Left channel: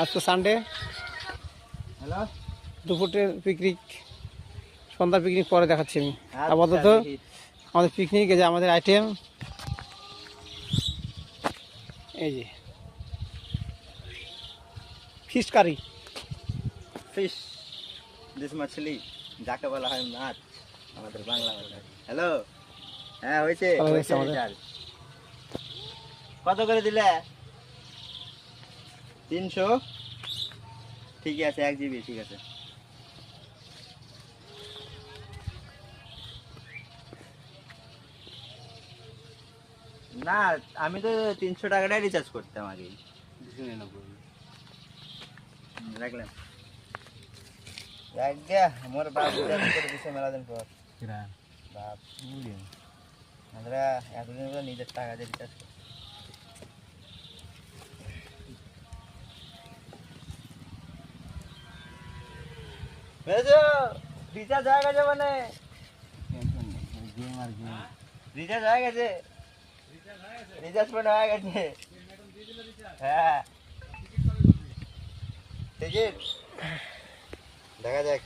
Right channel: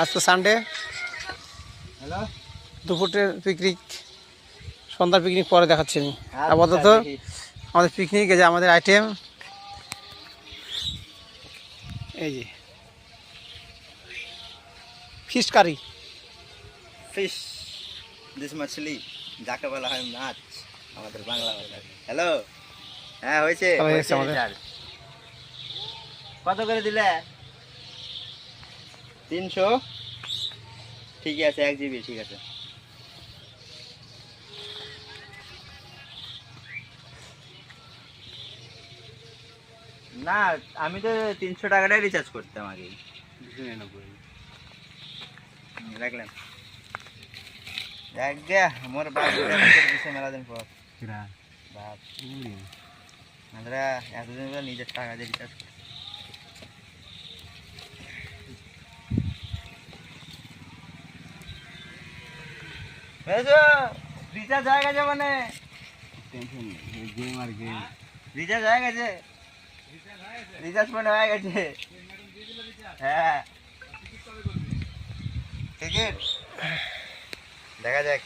আজ তো সানডে, দুপুরের পিকনিক, সন্ধ্যার পিকনিক পরে দেখাচ্ছি আমি। আপাতত আমাদের পিকনিক, এই যে আমাদের আইটেম, এই যে ফিশ কারি। ফিশ দিস মাছলি, যাকে বলা হয় মাছ আমাদের বাংলা ভাষায়। হ্যালো, হ্যাঁ হয়েছে। কত করে দিলে? 300। ঠিক আছে, 1 GB, ঠিক আছে। না, আমি তো 300 টাকাটাই রিচার্জ করতাম আগে। দেখলেন, দেখ দে মোর বাপ দিছে মেলা দিন পর। বাপ আমরা এতদিন ধরে নিজের টাকা দিয়ে রিচার্জ করি। রিচার্জ হয়ে গেছে, মানে রিচার্জ হয়ে গেছে, রিচার্জ পেমেন্ট হয়ে গেছে। হ্যাঁ, টিকিট দেখা যাক।